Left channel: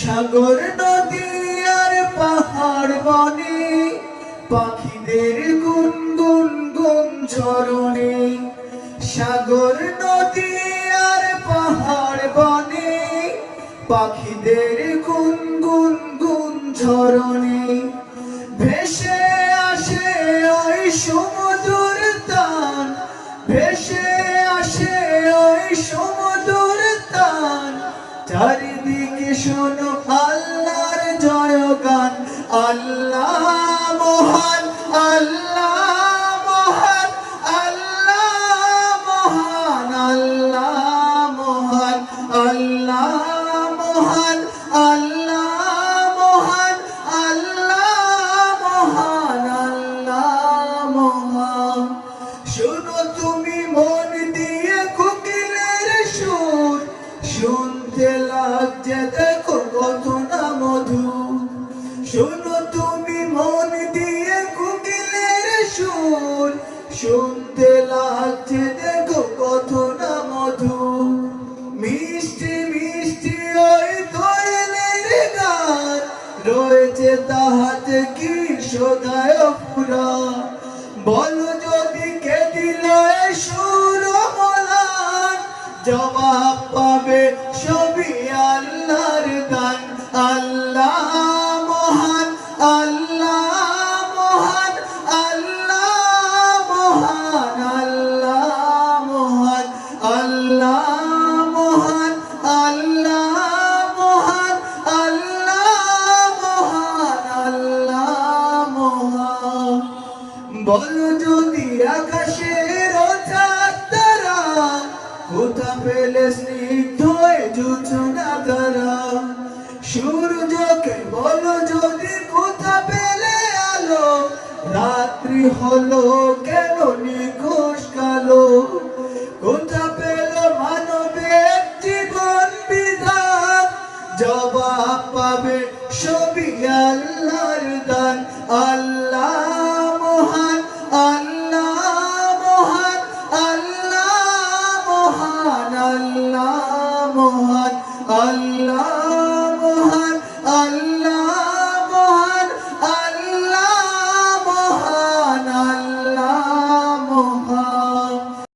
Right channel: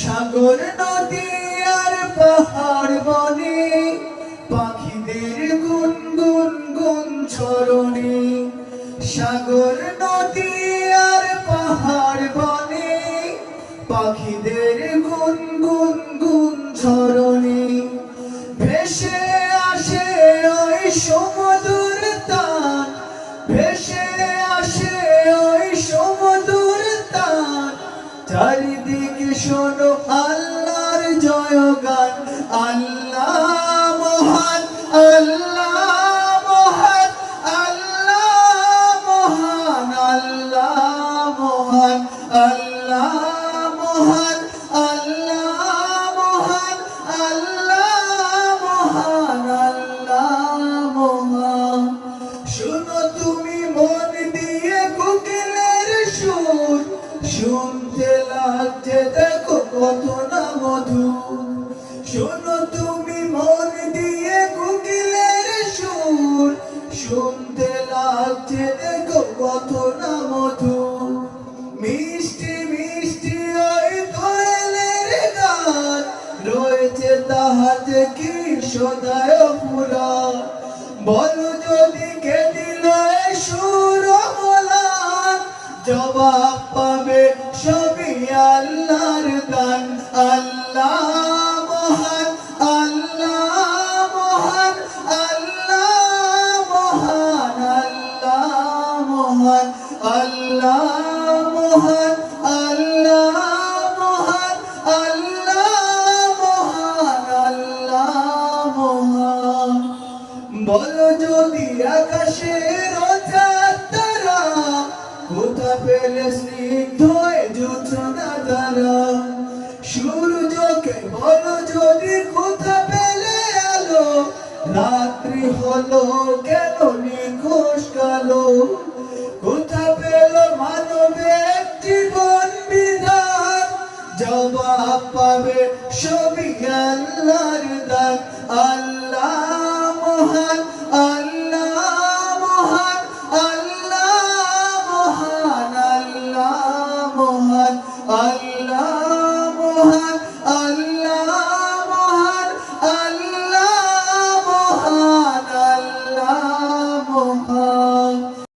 সাগর নদী আর পাহাড় বনে, পাখিদের গুন গুন চরণে সাগর নদী আর পাহাড় বনে, পাখিদের গুন গুন ঝরণে। ভেসে আসে ওই সমুদর তান, ভেসে আসে ওই সমুদর তান। চারিদিকে জয়গান আল্লাহ মহান আল্লাহ মহান আল্লাহ মহান আল্লাহ মহান আল্লাহ মহান আল্লাহ মহান আল্লাহ মহান আল্লাহ মহান। শোনো তুমি মন দিয়ে কোকিলের সুর, শুনতে লাগছে তাহাতে কি সদায় পুরা? বলো যদি কে দিল সুর জবাব পাবে সবই আল্লাহর দান। আল্লাহ মহান আল্লাহ মহান আল্লাহ মহান আল্লাহ মহান আল্লাহ মহান। বলো যদি আকাশের তারা, কোথা পেলে স্নিগ্ধ জোছনা তারা? সূর্যকে বলো যদি কোথা পেলে আলো? রাত্রি হলো কেন নিখোশ কালো? কোথা পেল মানবের জীবন বিধান? জবাব পাবে সবই আল্লাহর দান। আল্লাহ আল্লাহ মহান আল্লাহ